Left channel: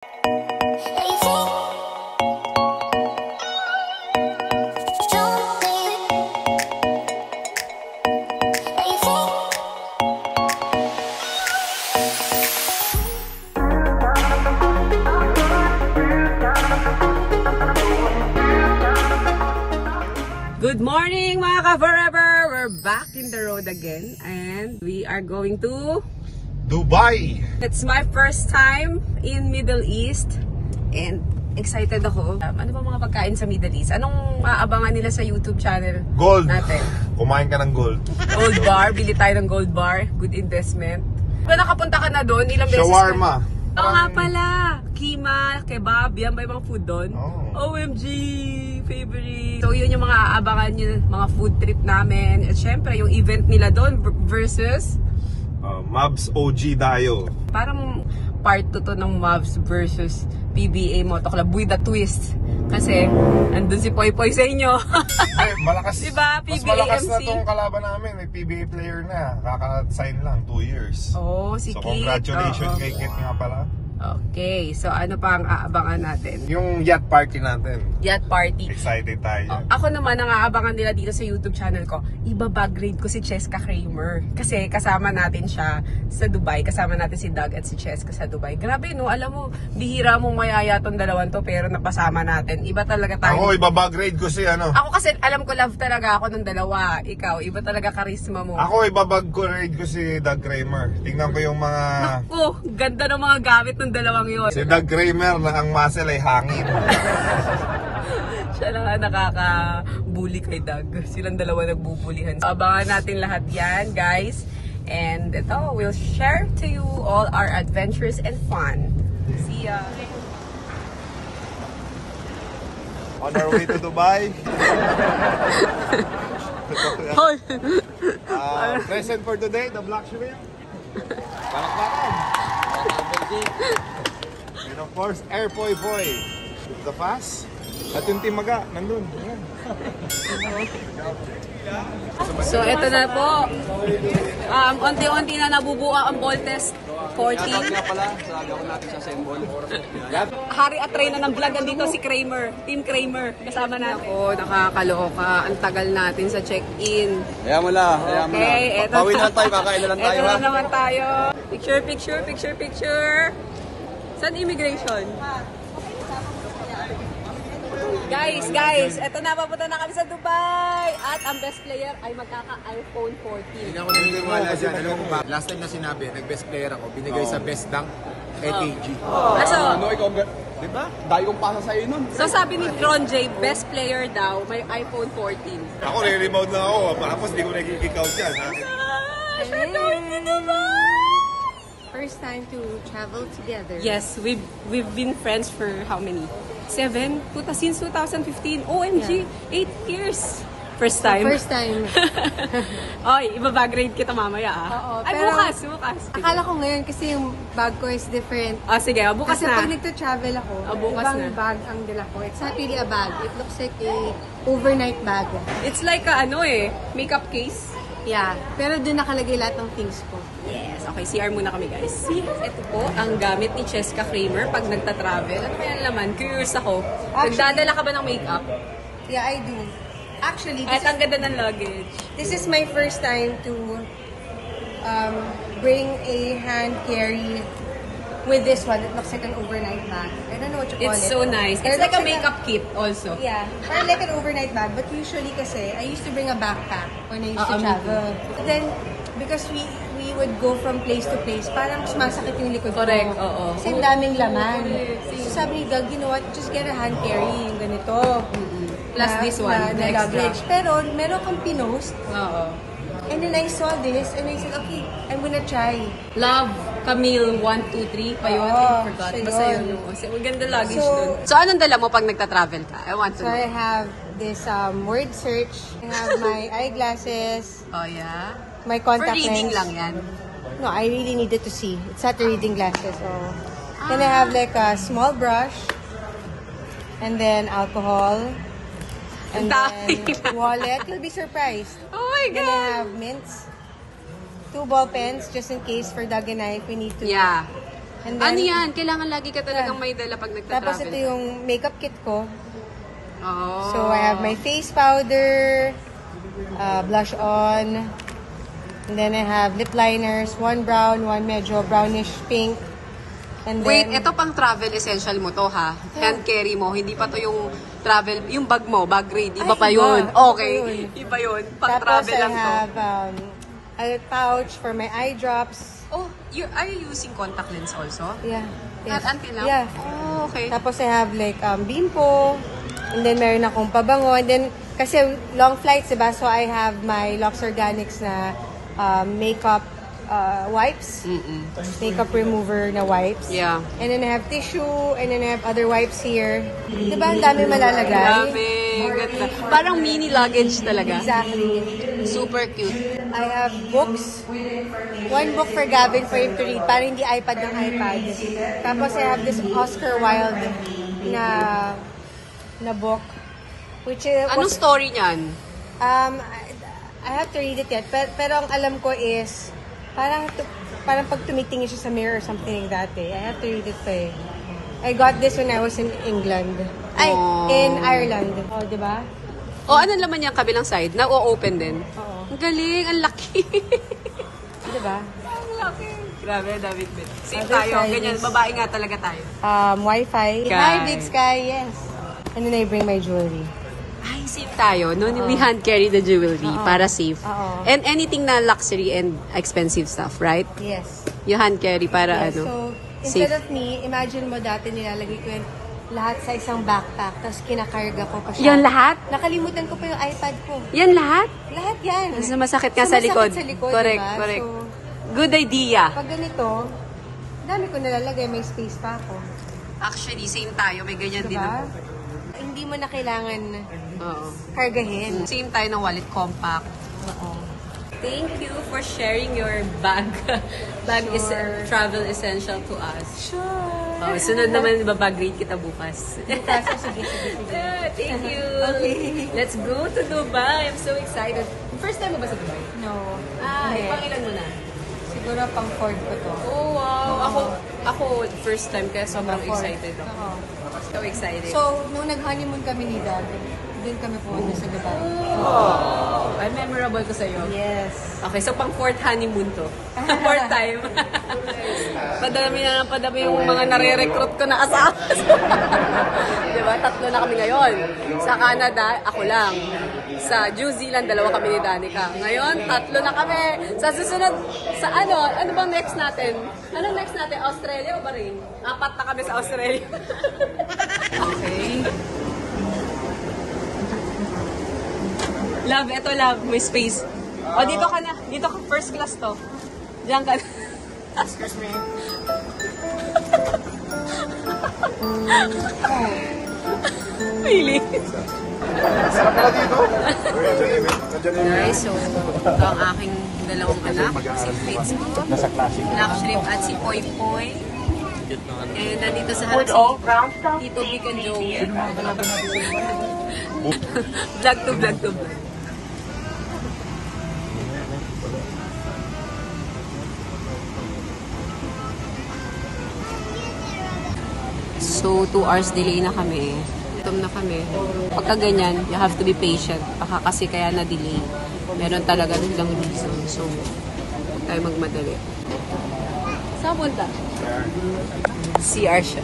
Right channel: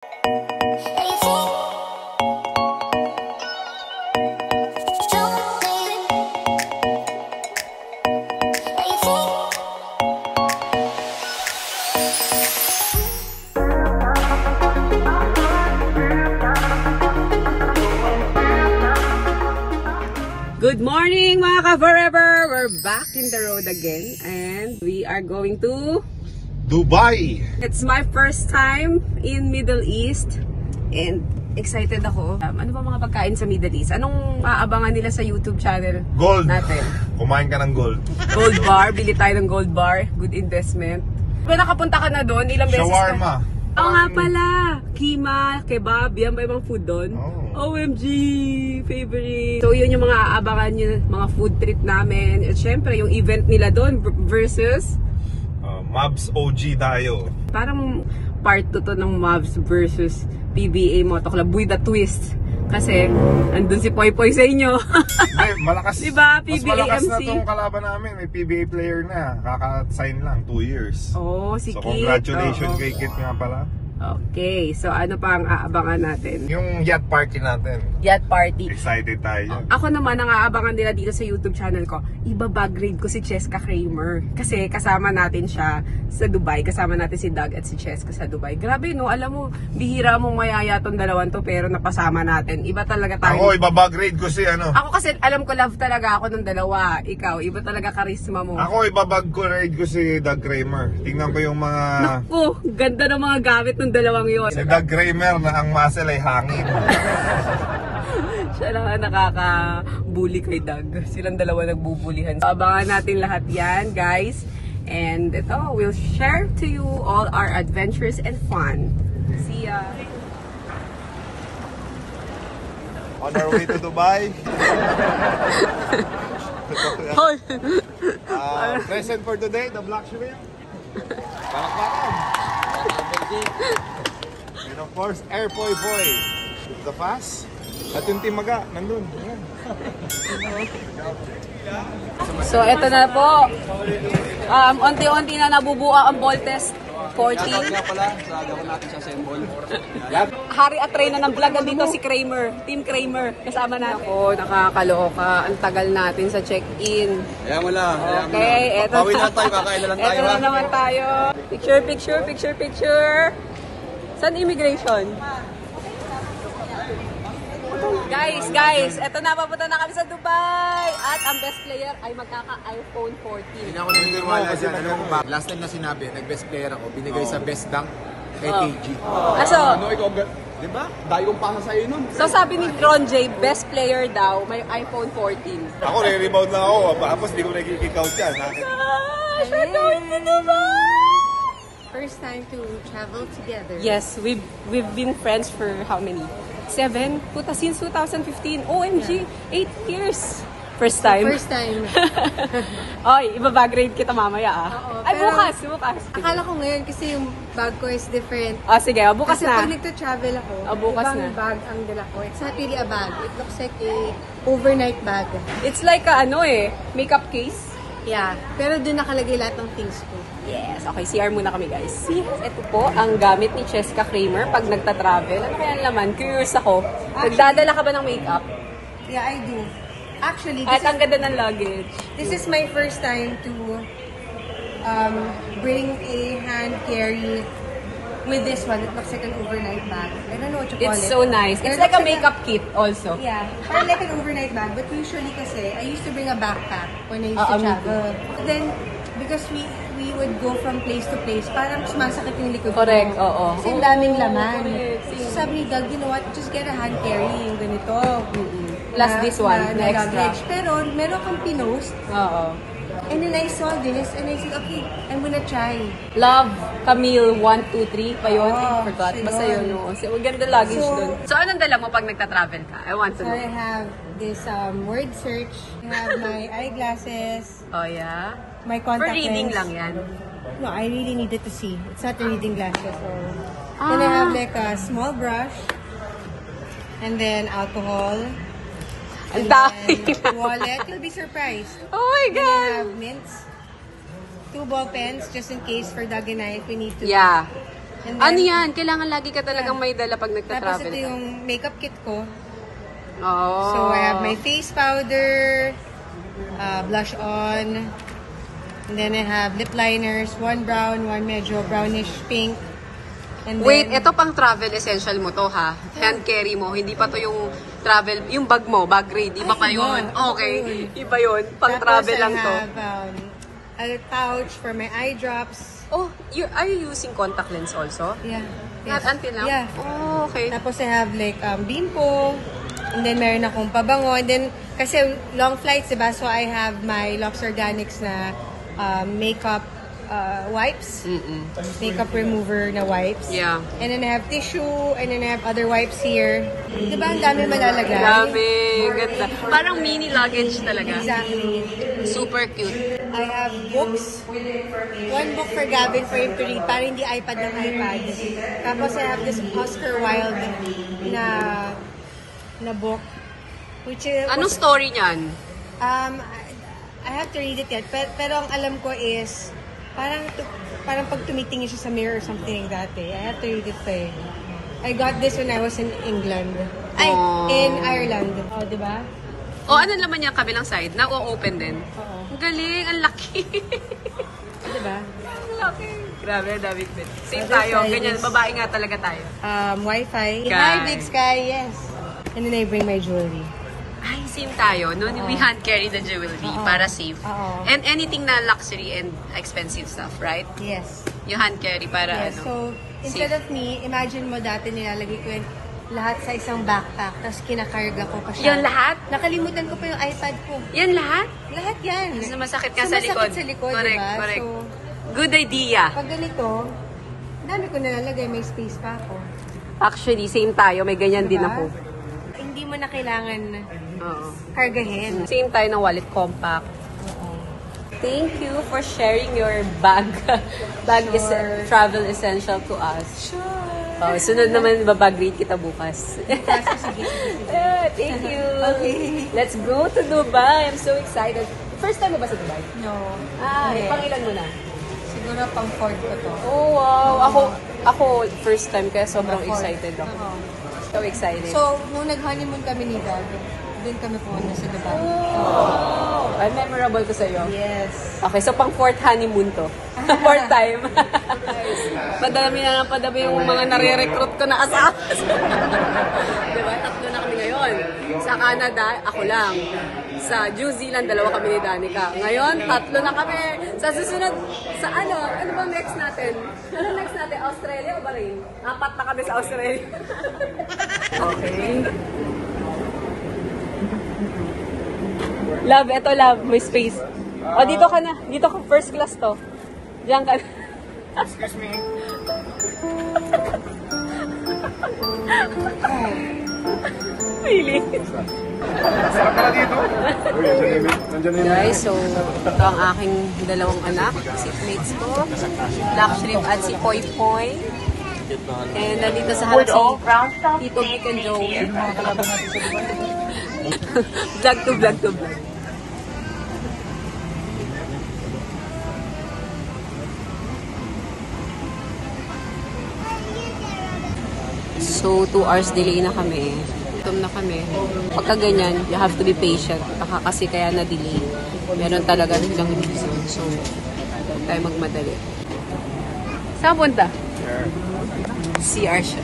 Good morning mga ka-forever! We're back in the road again and we are going to Dubai! It's my first time in Middle East and excited ako. Ano ba mga pagkain sa Middle East? Anong aabangan nila sa YouTube channel Gold! natin? Kumain ka ng gold. Gold bar, bili tayo ng gold bar. Good investment. Kung nakapunta ka na doon, ilang beses Shawarma! Oo nga pala! Kima, kebab, yan ba yung mga food doon? OMG! Favorite! So yun yung mga aabangan nyo, mga food trip namin. At syempre yung event nila doon versus Mavs OG Dayo. parang part 2 to ng Mavs versus PBA Moto Club with a twist. Kasi andun si Poy Poy sa inyo. Ay, malakas. Diba? Mas PBA malakas MC. na itong kalaban namin. May PBA player na. Kaka-sign lang, 2 years. Oh, si So Kit. congratulations kay Kit nga pala. Okay, so ano pa ang aabangan natin? Yung yacht party natin. Yacht party. Excited tayo. Ako naman, ang aabangan nila dito sa YouTube channel ko, ibabag grade ko si Cheska Kramer. Kasi kasama natin siya sa Dubai. Kasama natin si Doug at si Cheska sa Dubai. Grabe no, alam mo, bihira mong mayaya tong dalawan to pero napasama natin. Iba talaga tayo. Ako, ibabag grade ko si ano. Ako kasi alam ko love talaga ako ng dalawa. Ikaw, iba talaga charisma mo. Ako, ibabag ko grade ko si Doug Kramer. Tingnan ko yung mga... Naku, ganda ng mga gamit ng dalawang yon. Si Doug Kramer na ang muscle ay hangin. Siya lang ang nakaka-bully kay Doug. Silang dalawa nagbubulihan. So, abangan natin lahat yan, guys. And ito, we'll share to you all our adventures and fun. See ya! On our way to Dubai. Present for today, the black shrimp. Palakpakan. And of course, Air Poy Poy. The Fast. At yung Timaga, nandun. Ayan. So, eto na po. Unti-unti na nabubuo ang Voltes 14. Hari at Reyna ng vlog dito si Kramer. Team Kramer. Kasama natin. Ako, nakakaloka. Ang tagal natin sa check-in. Ayan mo lang. Okay, eto Pawin na tayo, kakain na lang tayo. Eto na naman tayo. Picture. Saan immigration? Guys, eto na, papunta na kami sa Dubai. At ang best player ay magkaka-iPhone 14. Hindi ako naniniwala dyan. Alam mo ba, last time na sinabi, nag-best player ako, binigay sa best dunk, KG. Kaso, Diba? Dahil kong pasa sa'yo nun. so sabi ni Ron J, best player daw, may iPhone 14. Ako, re-rebound lang ako. Tapos di ko nag-kick-out yan. First time to travel together. Yes, we've been friends for how many? 7? Since 2015. OMG, 8 years. First time. First time. Oy, ibabag-grade kita mamaya ah. Oo, Ay, pero bukas. Akala ko ngayon kasi yung bag ko is different. Sige, bukas Kasi na. pag nagto-travel ako, Bukas ibang na. bag ang dala ko. It's not really a bag. It looks like a overnight bag. It's like makeup case. Yeah. Pero doon nakalagay lahat ng things ko. Yes. Okay, CR muna kami guys. Ito po ang gamit ni Cheska Kramer pag nagta-travel. Ano kaya naman? Curious ako. Nagdadala ka ba ng makeup? Yeah, I do. Actually, Kahit ang ganda ng luggage. this is my first time to bring a hand carry with this one. It looks like an overnight bag. I don't know what you call It's it. so nice. It's Pero like a looks like makeup kit also. Yeah, parang like an overnight bag. But usually kasi, I used to bring a backpack when I used to me travel. But then, because we would go from place to place, parang sumasakit yung likod ko. Correct, oo. So, ang daming laman. Correct. So, sabi ni Doug, you know what, just get a hand carry, yung ganito. Plus this one, na extra. luggage. Pero, meron kang pinost. Oo. And then I saw this, and I said, okay, I'm gonna try. Love Camille 123 pa yun. I forgot. yun. Basta yun. Ang ganda luggage So, dun. So, anong dala mo pag nagta-travel ka? I want to So, know. I have this word search. I have my eyeglasses, Oh, yeah? my For contact reading lens. lang yan. No, I really needed to see. It's not the reading glasses. So. Then I have like a small brush. And then alcohol. Ang And dami. then wallet. You'll be surprised. Oh my Then I God! have mints. 2 ball pens just in case for Doug and I if we need to Yeah. And Ano yan? Kailangan lagi ka talagang may dala pag Tapos nagta-travel. ito yung makeup kit ko. Oh. So I have my face powder, blush on, and then I have lip liners, one brown, one medyo brownish pink. And Wait, then, ito pang travel essential mo to ha? Hand carry mo, hindi pa to yung travel, yung bag mo, bag grade, iba pa iba. yun. Okay, iba yun. Pang travel lang to. Tapos I have a pouch for my eye drops. Oh, are you using contact lens also? Yeah. Not until now? Yeah. Oh, okay. Tapos I have like bimpo, and then meron akong pabango, and then kasi long flights, diba? So I have my Lux Organics na makeup wipes, makeup remover na wipes. Yeah. And then I have tissue, and then I have other wipes here. Diba ang dami malalagay? Grabe, ganda. Parang mini luggage talaga. Exactly. Super cute. I have books. One book for Gavin for him to read, para hindi iPad ng iPad. Tapos I have this Oscar Wilde na book, which is... Anong story niyan? I have to read it yet, pero ang alam ko is, parang pag tumitingin siya sa mirror or something like that eh. I have to read it first. I got this when I was in England. In Ireland. Oh, di ba? O, ano naman yung kabilang side? Na-open din? Oo. Ang galing, ang laki. Di ba? Ang laki. Grabe, David din. Same Other tayo, side ganyan, is- babae nga talaga tayo. Wi-Fi. Sky. Hi, Big Sky, yes. And then I bring my jewelry. Ay, same tayo. No, we hand carry the jewelry para safe. Oo. And anything na luxury and expensive stuff, right? Yes. You hand carry para Yes, so instead of me, imagine mo dati nilalagay ko yung lahat sa isang backpack, tapos kinakarga ko pa siya. Yan lahat? Nakalimutan ko pa yung iPad ko. Yan lahat? Lahat yan. Kasi masakit ka So, sa likod. masakit sa likod, Correct, diba? correct. So, Good idea. pag ganito, dami ko nalalagay, may space pa ako. Actually, same tayo. May ganyan din Diba? ako. Hindi mo na kailangan Oo. kargahin. Same tayo ng wallet compact. Thank you for sharing your bag. Sure. Travel essential to us. Sure. Oh, sunod naman, babag-rate kita bukas. Thank you. Okay. Let's go to Dubai. I'm so excited. First time mo ba sa Dubai? No. Ay, Hindi. pangilan mo na? Siguro pang Ford ko to. Oh, wow. Oo. Ako first time kaya sobrang Ford. excited ako. Oo. So excited. So, nung nag-honeymoon kami ni Doug, din kami pumunta sa Dubai. Oh, ay memorable to sa'yo. Yes. Okay, so pang fourth honeymoon to. Fourth time. Padami na ng padami yung mga nare-recruit ko na asawa. Diba? Tatlo na kami ngayon. Sa Canada, ako lang. Sa New Zealand, dalawa kami ni Danica. Ngayon, tatlo na kami. Sa susunod, sa ano bang next natin? Ano next natin? Australia o Bahrain? 4 na kami sa Australia. Okay. Love, eto love, may space. O, dito ka na. Dito ka, first class to. Diyan ka. Excuse me. Really? Guys, so, ito ang aking dalawang anak. Si mates ko. Blackstreet at si Poy Poy. And nandito sa house si Tito Vic and Joey. Vlog to vlog to vlog. So, 2 hours delay na kami. Gutom na kami. Pagka ganyan, you have to be patient. Baka kasi kaya na-delay. Meron talaga silang reason. So, huwag tayo magmadali. Saan punta? CR siya.